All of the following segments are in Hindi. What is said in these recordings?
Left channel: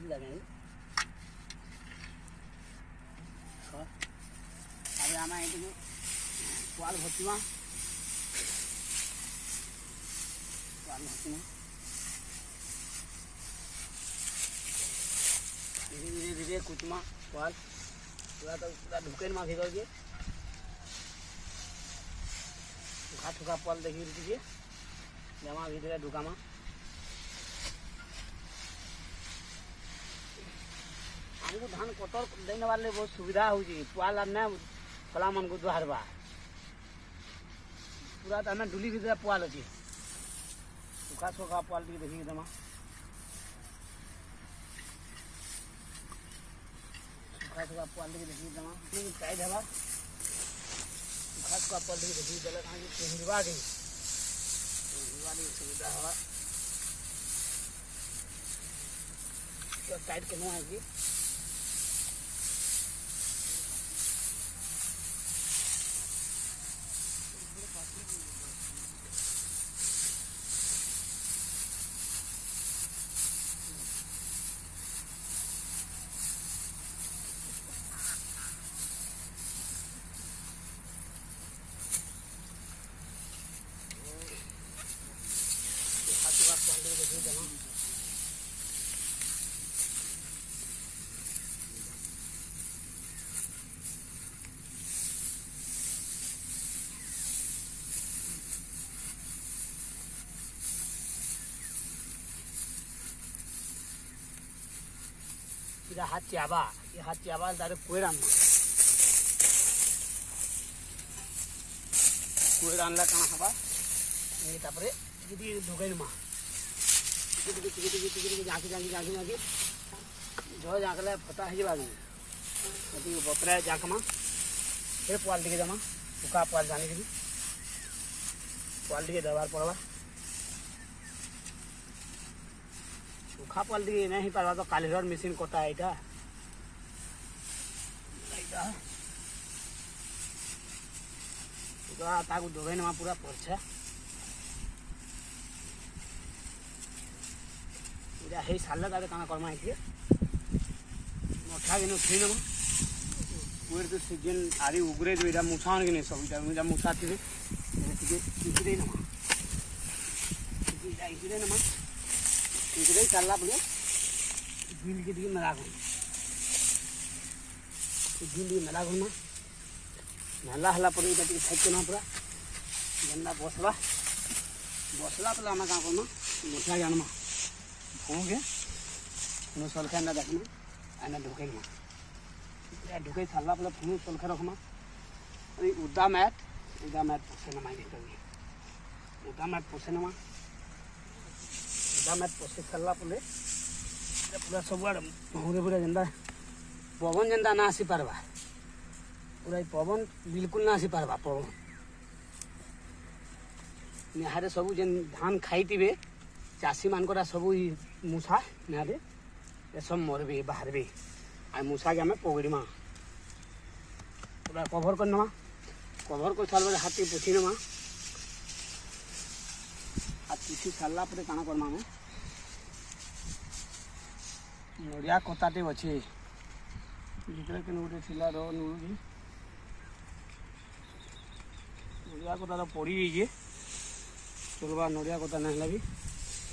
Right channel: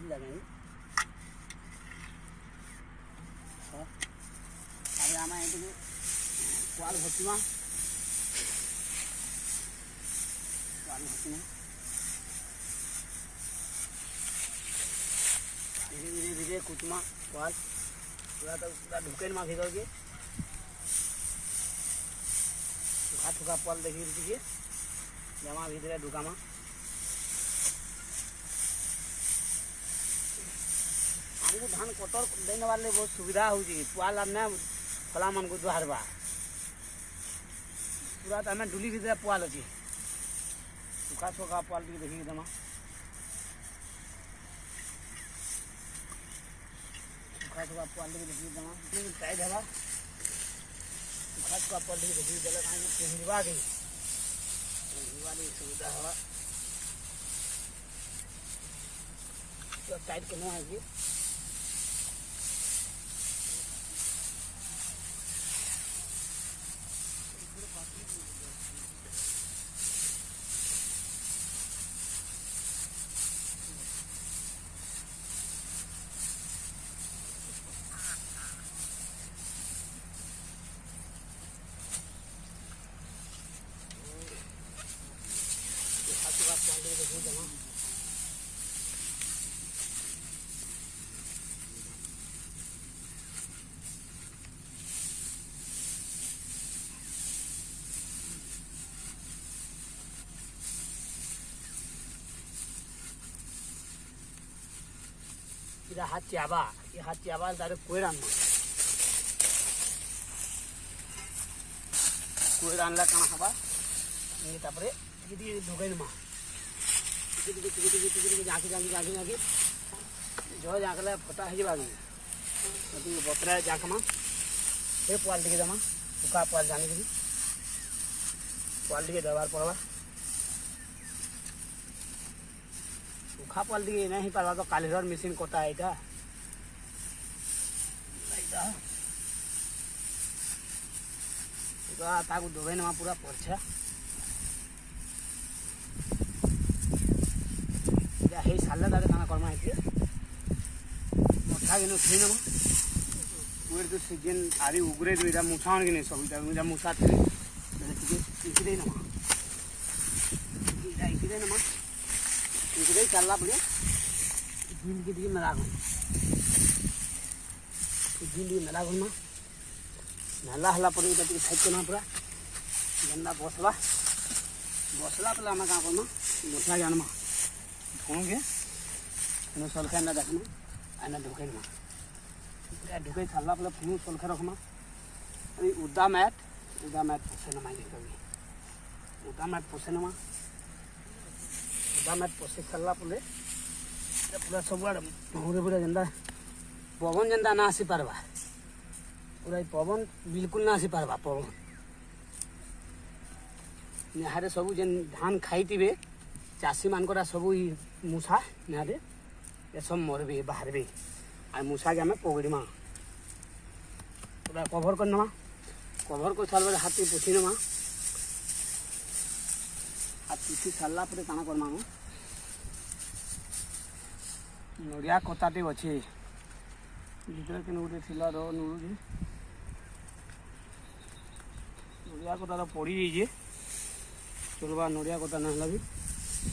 ହେଇଛି ଜାଣିବି ତାପରେ ଆମେ ଏଇଠିକୁ ପୁଆଲ ଭର୍ତ୍ତିମା धीरे धीरे धीरे कुचमा पुआल पूरा तो पूरा ढुकेन मा भीतर के सुखा सुखा पुआल देखी रही जमा भीतर ढुका मा हमको धान कटर देने वाले बहुत सुविधा हो पुआल ना फला मन को दुहारबा पूरा तो हमें डुली भीतर पुआल अच्छी सुखा सुखा पुआल देखिए जमा सुखा सुखा पुआल देखिए जमा टाइट हवा सुखा सुखा पुआल देखिए जल कहीं सुविधा हवा तो टाइट करना है ये हाथ चाबा ये हाथ चाबा तारे कोई आनला कण हवा ये तापरे टिके ढुकैन मा टिके झाँकी झाँकी झाँकी झाँकी जो झाँकले फटा है बागी बतरा झाँकमा फिर पुआल टिके जमा सुखा पुआल जाने के पुआल टिके दबार पड़वा सुखा पुआल टिके नहीं पारा तो कालीघर मशीन कटा है ताकू दोगैन मा पूरा पड़छा हे साल तारे खाना करमा है मोटा के उठे नमा पूरे तो सीजन आरी उगरे जो इधर मुसान के नहीं सब इधर मुसा थे इधर नमा इधर नमा इधर चलना पड़े झील के दिए मेरा झील मेला घूमना नल्ला हल्ला पड़े इधर साइड करना पूरा गंदा बसला बसला तो आम क्या करना मोटा जानमा ढूंढे सलखा ना देखना आना ढुकैनमा ढुकै सारा पे फुनु सलखा रखना उदा मैट पोसे नमा उदा मैट पोसे नमा उदा मैट पोसे सारा पे पूरा सब भौरे पूरा जेनता पवन जेनता ना आसी पारबा पूरा पवन बिल्कुल ना आसी पारबा पवन यहाँ सब जेन धान खाई चाषी मानकरा सब मूसा निहारे ये सब मरबे बाहरबे आ मूसा के आम पकड़मा पूरा कभर कर नमा कभर कर सारा हाथी पोछी नमा हाथ पोछी सारा पर काना करमा नड़िया कताटे अच्छे भीतर के गोटे थी नुड़ी नड़िया कता पड़ी जाइए चलवा नड़िया कता ना भी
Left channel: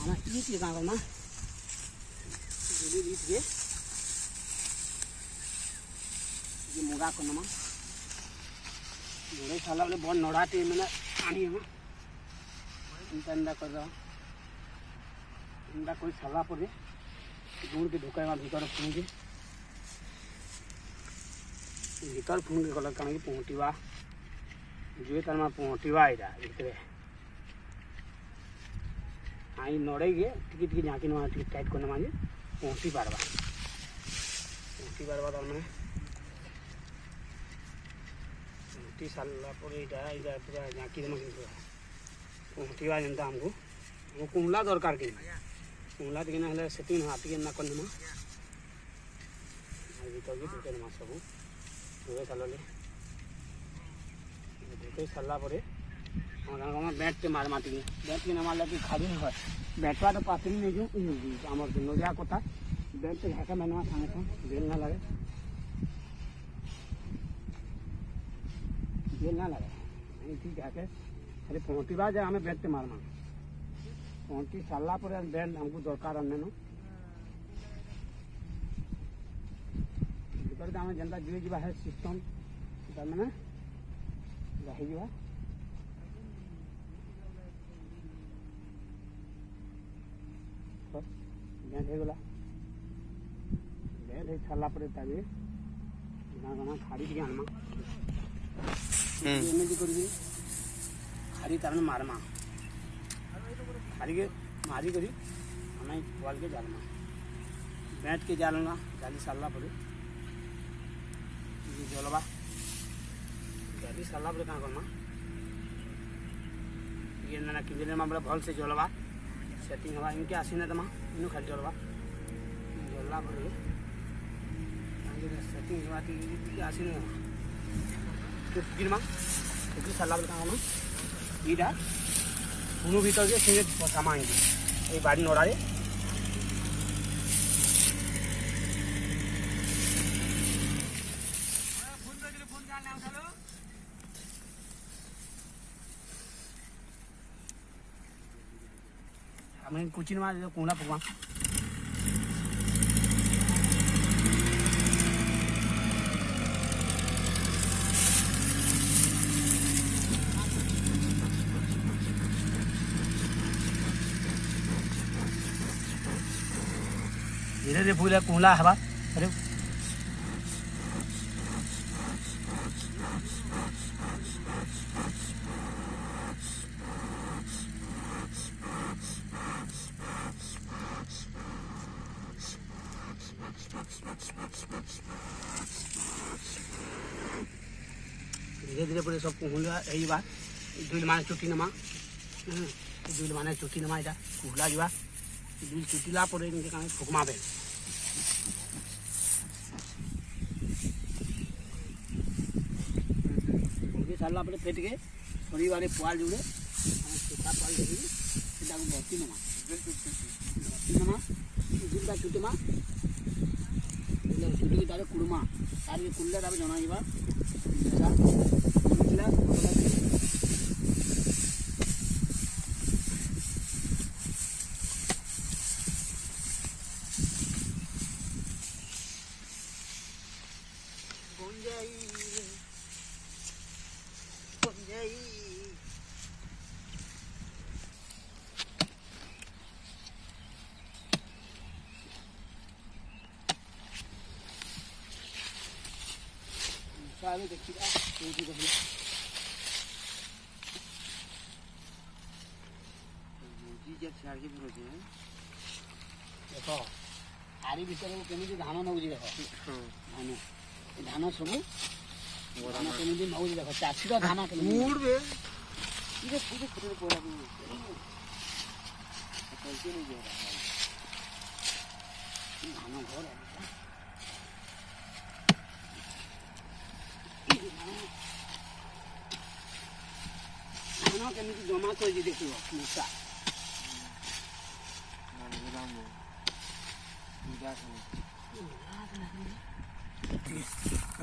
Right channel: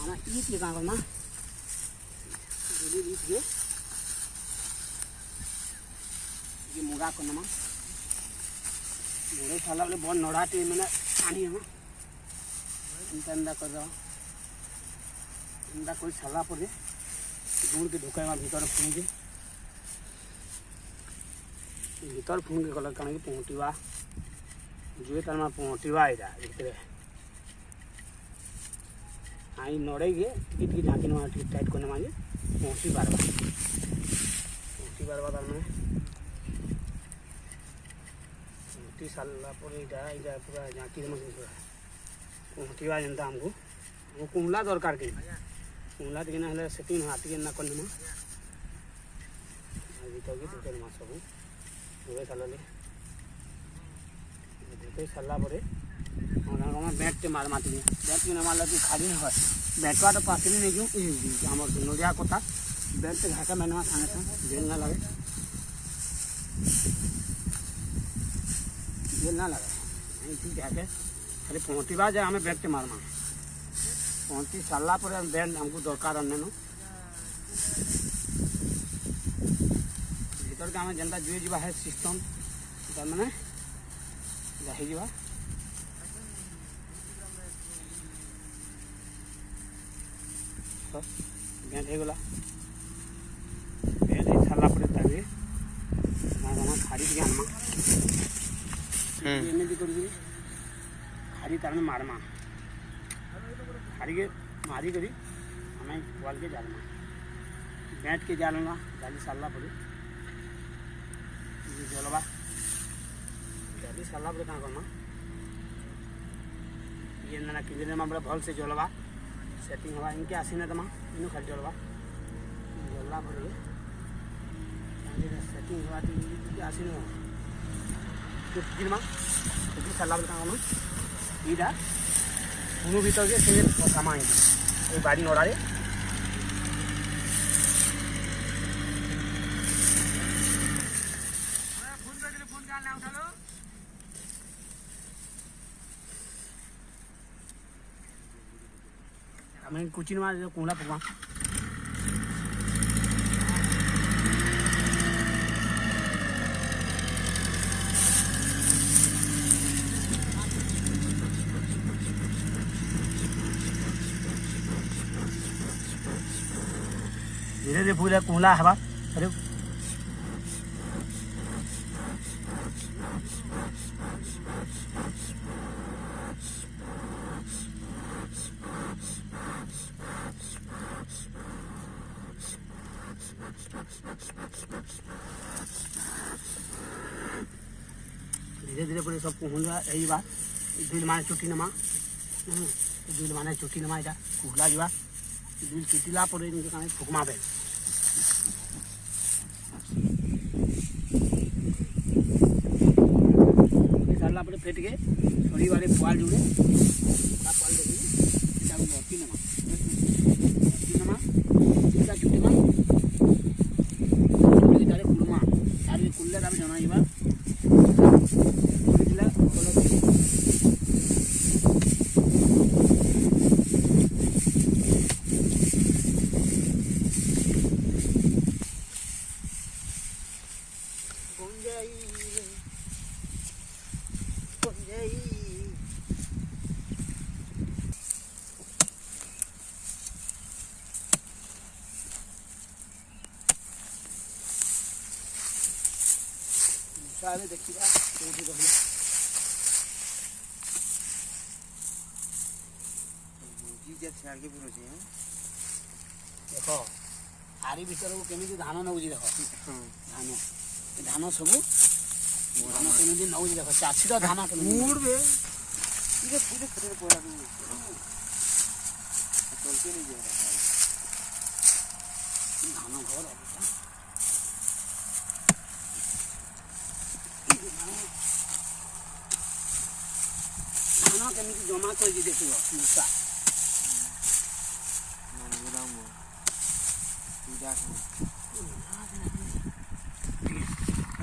आम ईट के क्या करना ईट के मुड़ा करना मुड़े सारा बोले बहुत नड़ाटे मैंने पानी हम इंदा कर इंदा कोई सारा पड़े गुड़ के ढुकाइमा भीतर फुण के भीतर फुण के गला कण पहुँचवा जो तार पहुँचवा यहाँ भीतर आई नड़े के टिके झाँकी नमा टाइट करना माजे पहुँची पार्बा तार मैंने पहुँची सारा यहाँ पूरा झाँकी देमा पूरा पहुँचवा जनता हमको कुमला दरकार के कुमला टिके ना सेटिंग हाथ के ना करना भीतर के ढुके नमा सब ढुके सारा पर बैट के मार माटी बैट के न मारला कि खाली नहीं है बैटवा तो पास नहीं क्यों आम नड़िया कता बेड से घाका मैंने खाने था जेल ना लगे, जेल ना लगे ठीक है। खाली पहुँची बार जाए हमें बेड के मारमा पहुँची सारा पर बेड हमको दरकार अन्य भीतर के आम जेनता जुए जा है सिस्टम मैंने जा बेड होगला बेड हो सारा पर खाड़ी के आनमा एमती कर खाड़ी तार मारमा खाड़ी के मारी करी आम वाल के जालमा बेड के जालमा जाली सारा पर जलवा जाली सारा पर क्या करना ये ना किंजरे में भल से जलवा सेटिंग हवा इनके आसी ना तमा इन खाली जलवा जल्ला पर सेटिंग हवा आसी ना मा कुकी सारा पर क्या इटा कोनो भीतर के से सामा ये बाड़ी नड़े हमें कुछ में कोला पकवा धीरे धीरे फूल कोला हवा अरे धीरे धीरे पूरे सब कुहला यही बात दुल माने चुटी नमा दुल माने चुटी नमा इटा कुहला जा दुल चुटीला पर इनके काम फुकमा बे सारा पर फेट के छोड़ी वाले पुआल जुड़े पुआल देखिए इटा मोती नमा दुटा चुटी मा तारे कुड़मा तारे कुल्ले ताबे जना इबा देखिए देख आरी भर को केमी धान नौजी देख धान धान सब धान केमी नौजी देख चाषी धान धान घर धान केमी जमा कर देख मूसा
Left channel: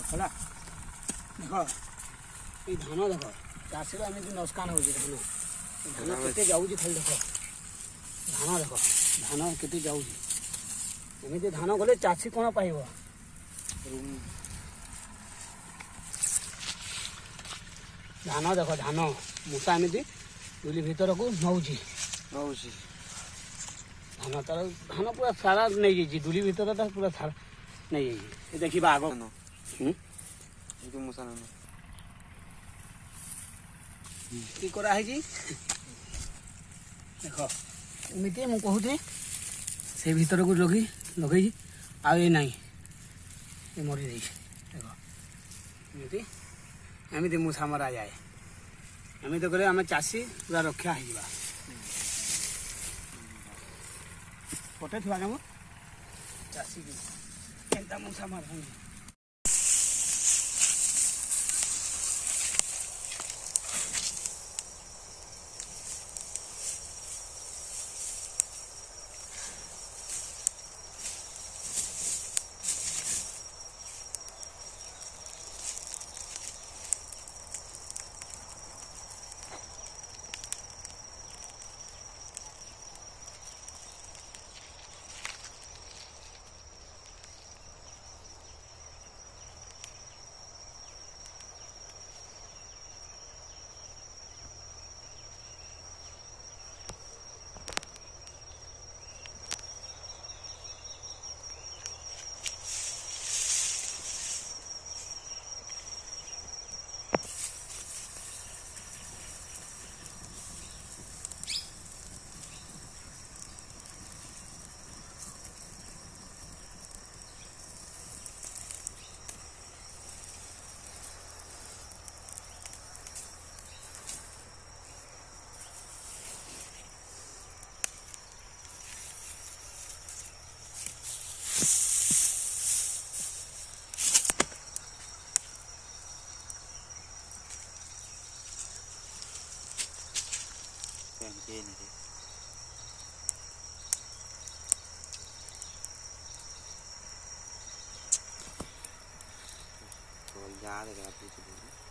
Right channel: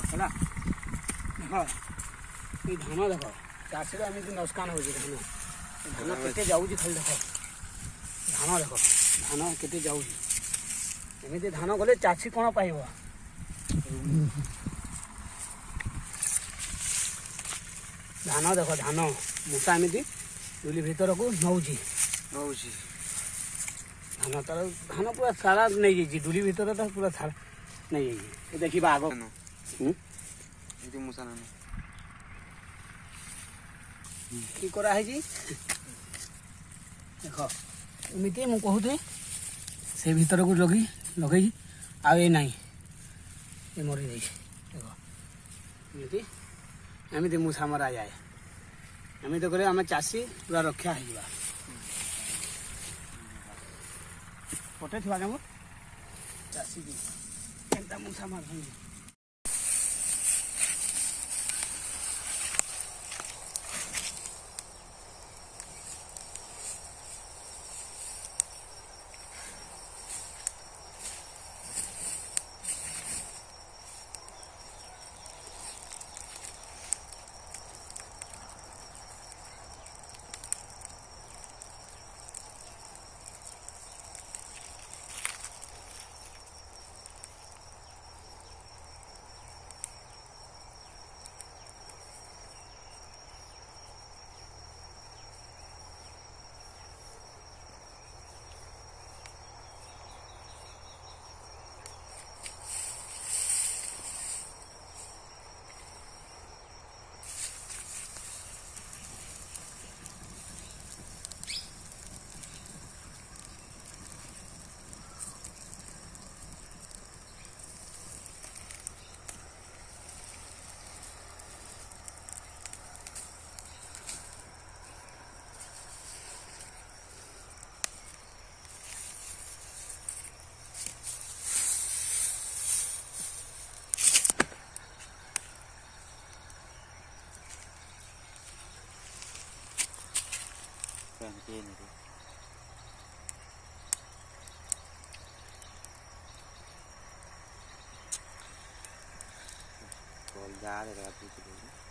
देखला देख ये धान देख चाषी एमती नुकसान हो धान धान के जाऊँगी खाली देख धान देख धान के जाऊँगी एमती धान गले चाषी कौन पाइब धान देख धान मूसा एमती दुली भीतर को नौजी धान तार धान पूरा सारा नहीं जाइए दुली भीतर तो पूरा सारा नहीं जाइए देखिए आग कि कराई देख एमती मुझे कहूँ से भीतर को लगे लगे आई ना मरी जाइए देख एमती एमती मूसा मरा जाए एमती कले आम चाषी पूरा रक्षा हो पटे थी आगे मोर चाषी केनता मूसा मार ये नहीं जा रहे